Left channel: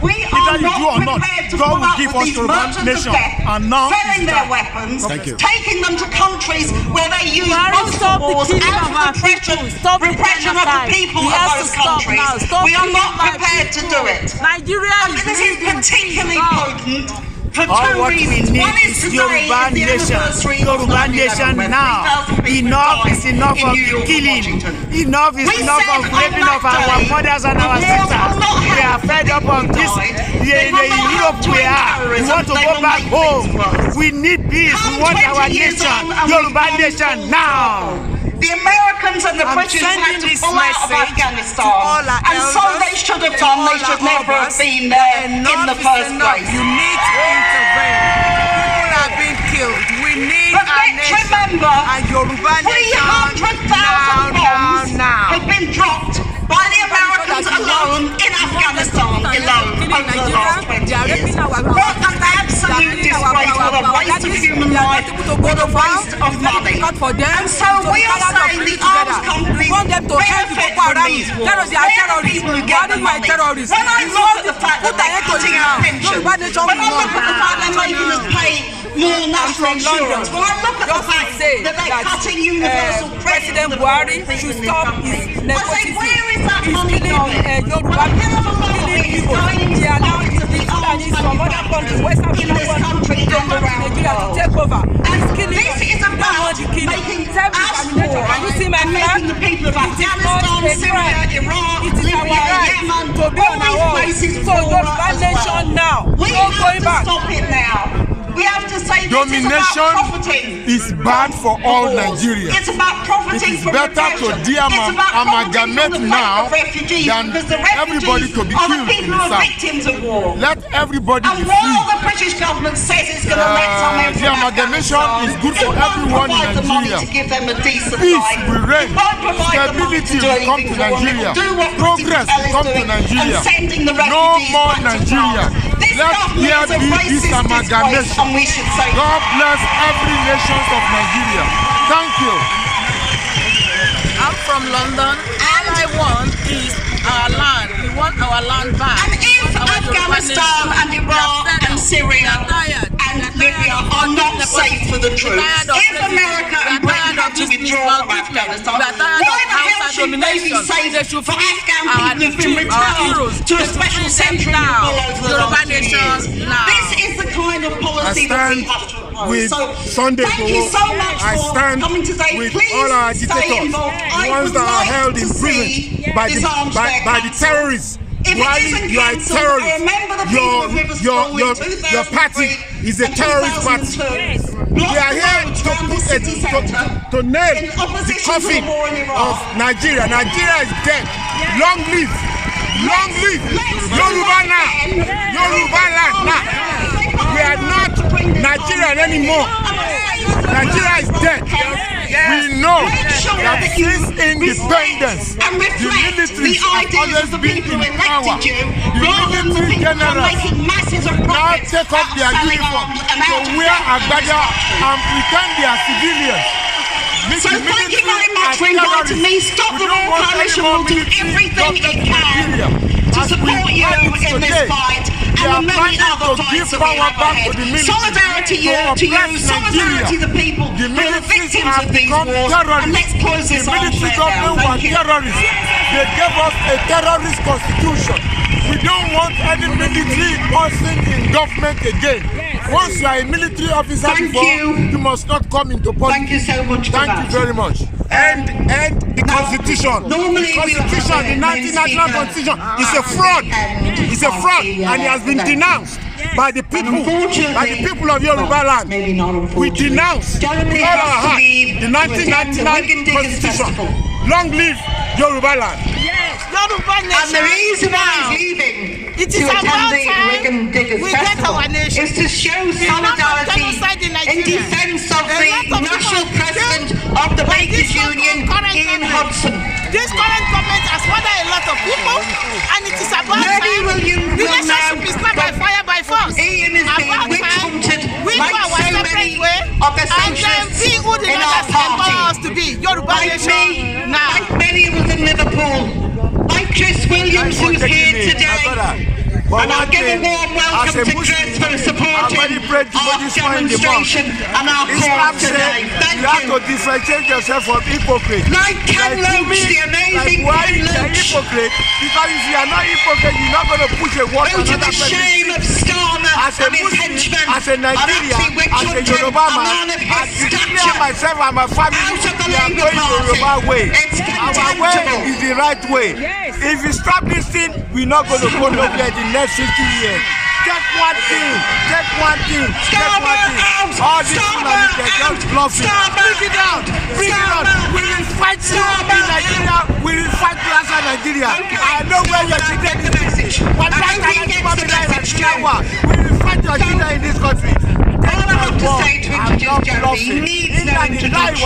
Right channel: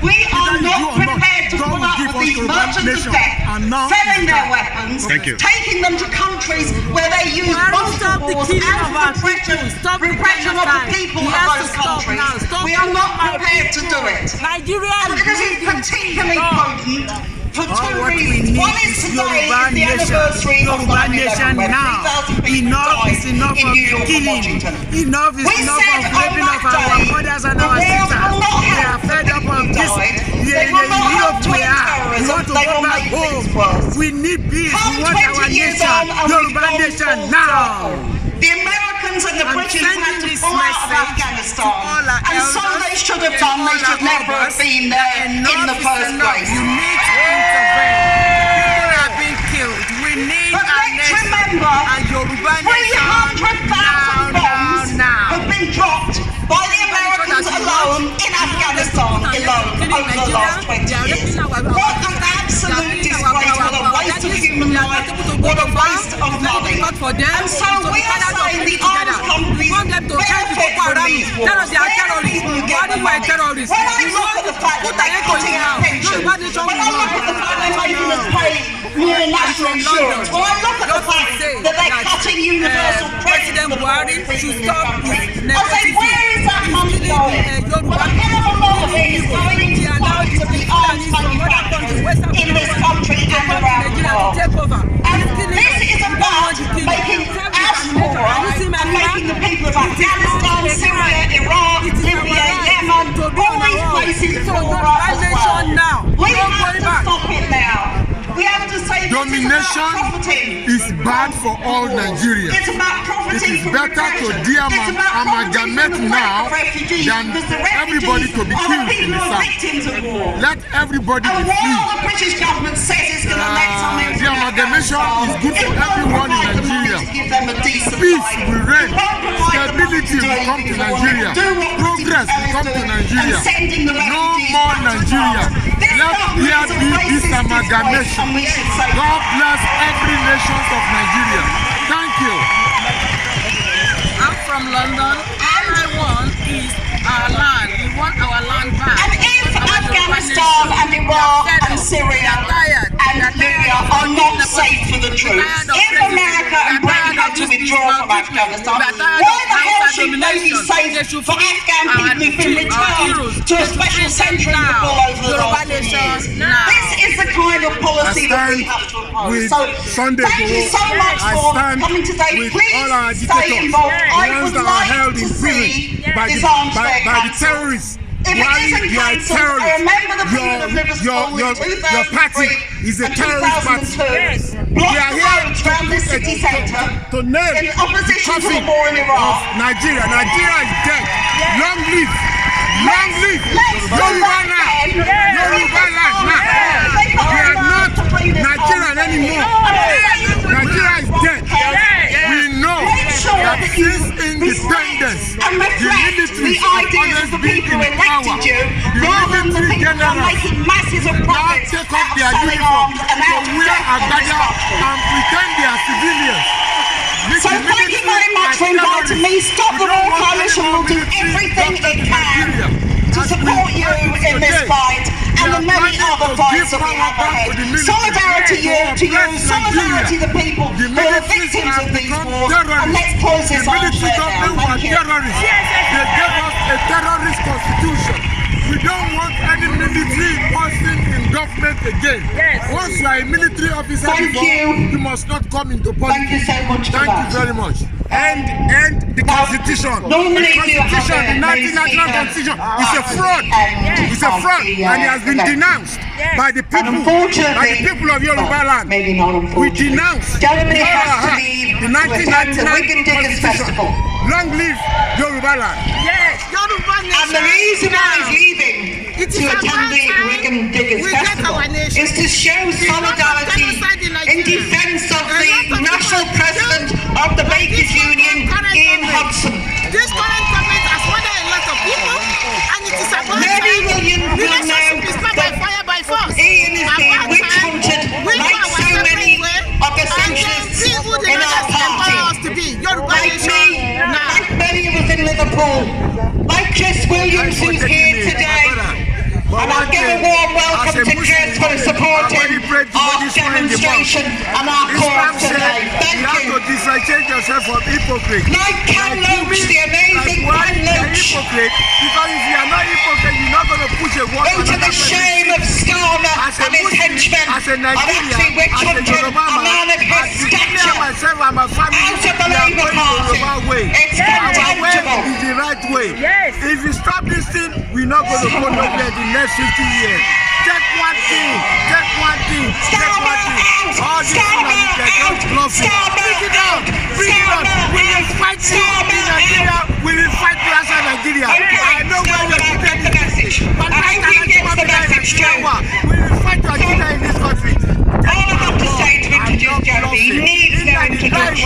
We are not prepared to put up with these merchants of death selling their weapons, taking them to countries where they use monster wars and repression of the people of those countries. We are not prepared to do it. And this is particularly potent for two reasons. One is today is the anniversary of 9/11, now. Enough is enough of killing. Enough is enough of raping of our mothers and our sisters. We are fed up of this. We are in Europe we are. We want to go back home. We need peace. We want our nation, Yoruba nation now. The Americans and the British had to pull out of Afghanistan, and so they should have done. They should never have been there in the first place. You need to intervene. People are being killed. We need our nation. Remember, and Yoruba nation 300,000 bombs have been dropped by the Americans alone in Afghanistan over the last 20 years. What an absolute disgrace, what a waste of human life, what a waste of money. And so we are saying the arms companies benefit from these wars. They are the people who get the money. When I look at the fact that they're cutting our pensions, when I look at the fact they're making us pay more national insurance, when I look at the fact that they're cutting universal President Buhari should stop his nepotism. That money going? What kind of a lot of it is going to the arms companies in this country and around the world? Take over. And this is about making us poor and making the people of Afghanistan, Syria, Iraq, Libya, Yemen, all these places poorer as well. We have to stop it now. We have to say domination is bad for all Nigerians. It's about profiting from better to amalgamate now than everybody to be killed in the south. Let everybody be free. And while the British government says it's going to let some in the amalgamation is good for everyone in Nigeria. Peace will reign. Stability will come to Nigeria. Progress will come to Nigeria. No more Nigeria. Let here be this amalgamation. God bless every nation of Nigeria. Thank you. I'm from London. All I want is our land. We want our land back. And if Afghanistan and Iraq and Syria and Libya are not safe for the troops, if America and Britain have to withdraw from Afghanistan, why the hell should they be safe for Afghan people who've been returned to a special centre all over the last few years? This is the kind of policy that we have to oppose. With Sunday I stand with all our agitators, the ones that are held in prison by the terrorists. While you are a terrorist, your party is a terrorist party. We are here to nail the coffin of Nigeria. Nigeria is dead. Long live Yoruba land. Yoruba land now. We are not Nigerian anymore. Nigeria is dead. We know that since independence, the military has always been in power. The military generals now take off their uniform to wear agbada and pretend they are civilians. So thank you very much for inviting me. Stop the War Coalition will do everything it can to support you in this fight and the many other fights that we have ahead. Solidarity to you, solidarity to the people who are victims of these wars, and let's close this armchair down. Thank you. They gave us a terrorist constitution. We don't want any military person in government again. Once you are a military officer you must not come into politics. Thank you so much. Thank you very much. And the constitution. The constitution, the 1999 constitution is a fraud. It's a fraud, and it has been denounced by the people of Yoruba land. We denounce with all our heart the 1999 constitution. Long live Yoruba land. Yes, Yoruba nation. And the reason why he's leaving to attend the Wigan Diggers Festival is to show solidarity in defense of the national president of the Bakers Union, Ian Hudson. This current government has murdered a lot of people, and it is about time. Relationship is not by fire, by force. Ian is being witch-hunted like so many of the socialists in our party. To be Yoruba nation now. Like many of us in Liverpool, like Chris Williams. Williams, who's here today. And I'll give a warm welcome to Chris for supporting our demonstration and our cause today. Thank you. You have to differentiate yourself from hypocrite. Like Ken Loach, the amazing Ken Loach. Hypocrite, because if you are not hypocrite, you're not going to push a word to another person. To the shame of Starmer and his henchmen, as a Nigerian, as a Yoruba man, as declare myself and my family, we are going Yoruba way. Our way is the right way. If you stop this thing, we're not going to go nowhere in the next 50 years. Take one thing, take one thing, take one thing. All these people they're just bluffing. Bring it out, bring it out. We will fight you in Nigeria. We will fight you outside Nigeria. I know where you're sitting in this country. One night we will fight your children in this country. All I have to say to introduce Jeremy, he needs no introduction.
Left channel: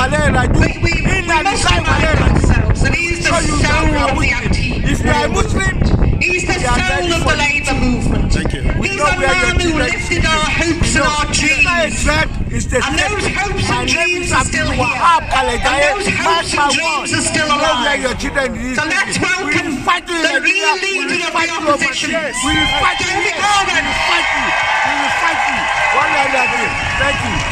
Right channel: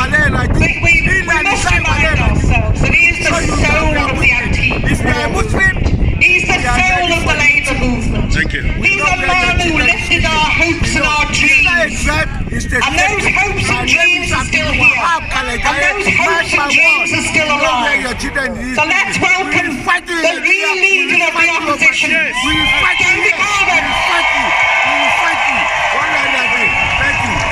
We must remind ourselves that he is the soul of the anti-war. If you are a Muslim, he's the soul of the labour movement. Thank you. He's the man who lifted our hopes and our dreams. And those hopes and dreams are still here. And those hopes and dreams are still alive. So let's welcome the real leader of the opposition. We will fight you. We will fight you. We will fight you. Thank you.